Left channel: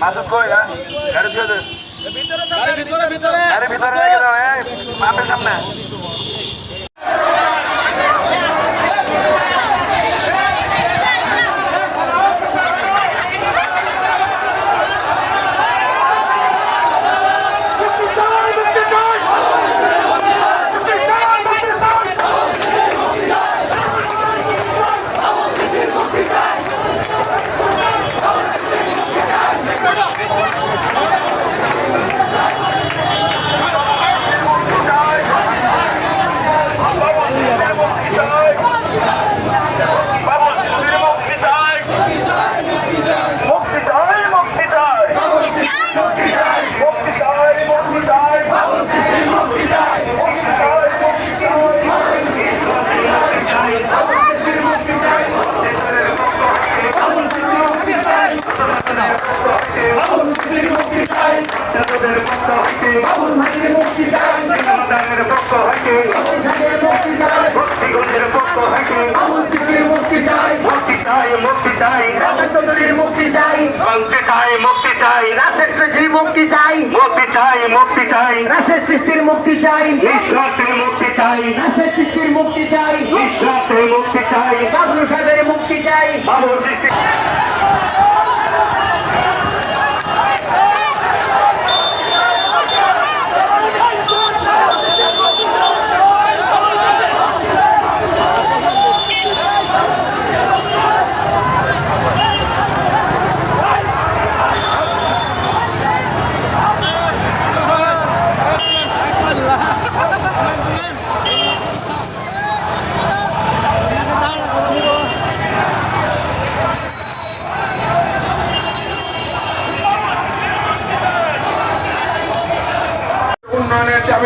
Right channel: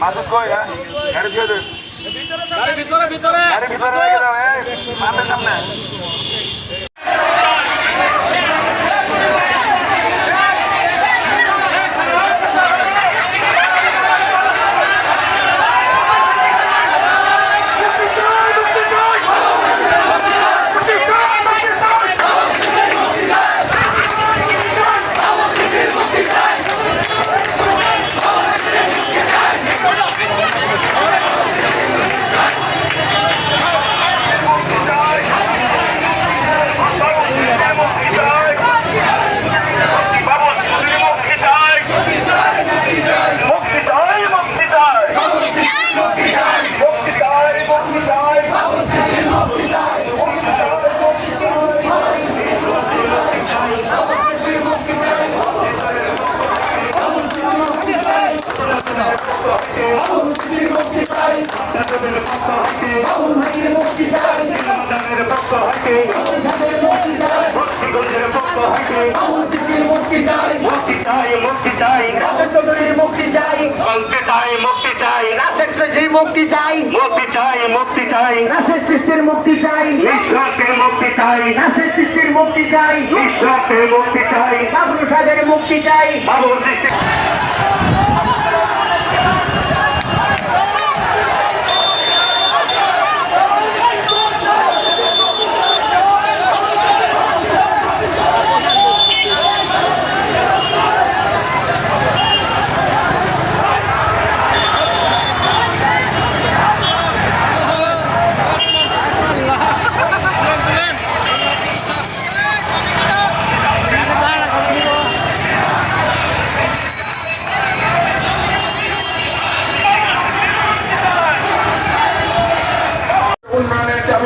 মাসুদ কই না গাড়ি দিয়ে দে। ভিতরে ভিতরে গাড়ি ভিতরে দাও সামনে বাবু মুক্তি চাই মুক্তি চাই মুক্তি চাই মুক্তি চাই মুক্তি চাই মুক্তিগঞ্জের পক্ষ হইতে মুক্তি চাই। মুক্তি চাই। চৌধুরীর মুক্তি চাই মুক্তি চাই। মুক্তি চাই শেষের মুক্তি চাই। মুক্তি চাই মুক্তি চাই রাশের সৃষ্টির মুক্তি চাই নিঃস্বার্থের মুক্তি চাই সৃষ্টির মুক্তি চাই নিঃস্বার্থের মুক্তি চাই বাবলু মুক্তি চাই।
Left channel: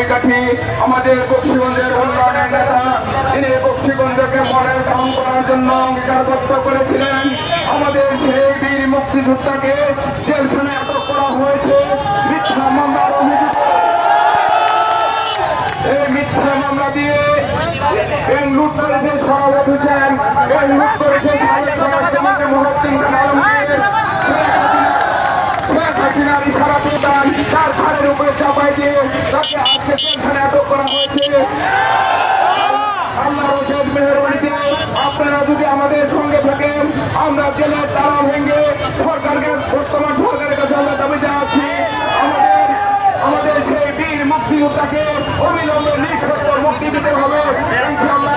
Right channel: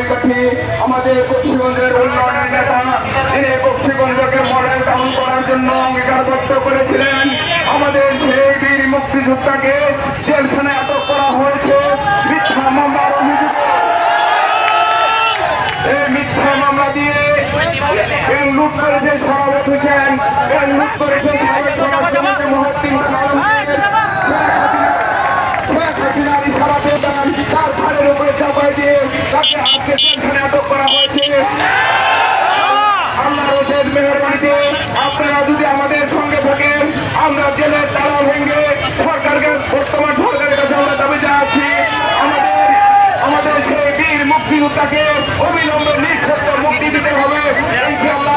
চাবিকাঠি আমাদের বক্সিগঞ্জের উন্নয়নের নেতা তিনি বক্সিগঞ্জকে মডেল টাউন করার জন্য অঙ্গীকারবদ্ধ করেছিলেন, আমাদের সেই বীর মুক্তিযোদ্ধাকে জেলখানায় আটক করা হয়েছে, মিথ্যা মামলার অভিযোগে এই মিথ্যা মামলা দিয়ে লুট করেছে সভাপতি হোসেন লুট করেছে উপরে চাপাই দিয়ে তাকে আজকে জেলখানে আটক করা হয়েছে। আল্লাহ রশেদ মেহরবানিতে, আপনারা যদি আমাদের সঙ্গে থাকেন, আমরা জেলের তারা ভেঙে সরকারকে, বর্তমান সরকারের কাছে আমরা দাবি জানাচ্ছি, আমাদের আমাদের সেই বীর মুক্তিযোদ্ধাকে অবিলম্বে নিঃশর্ত মুক্তি দিতে হবে। ইনশাআল্লাহ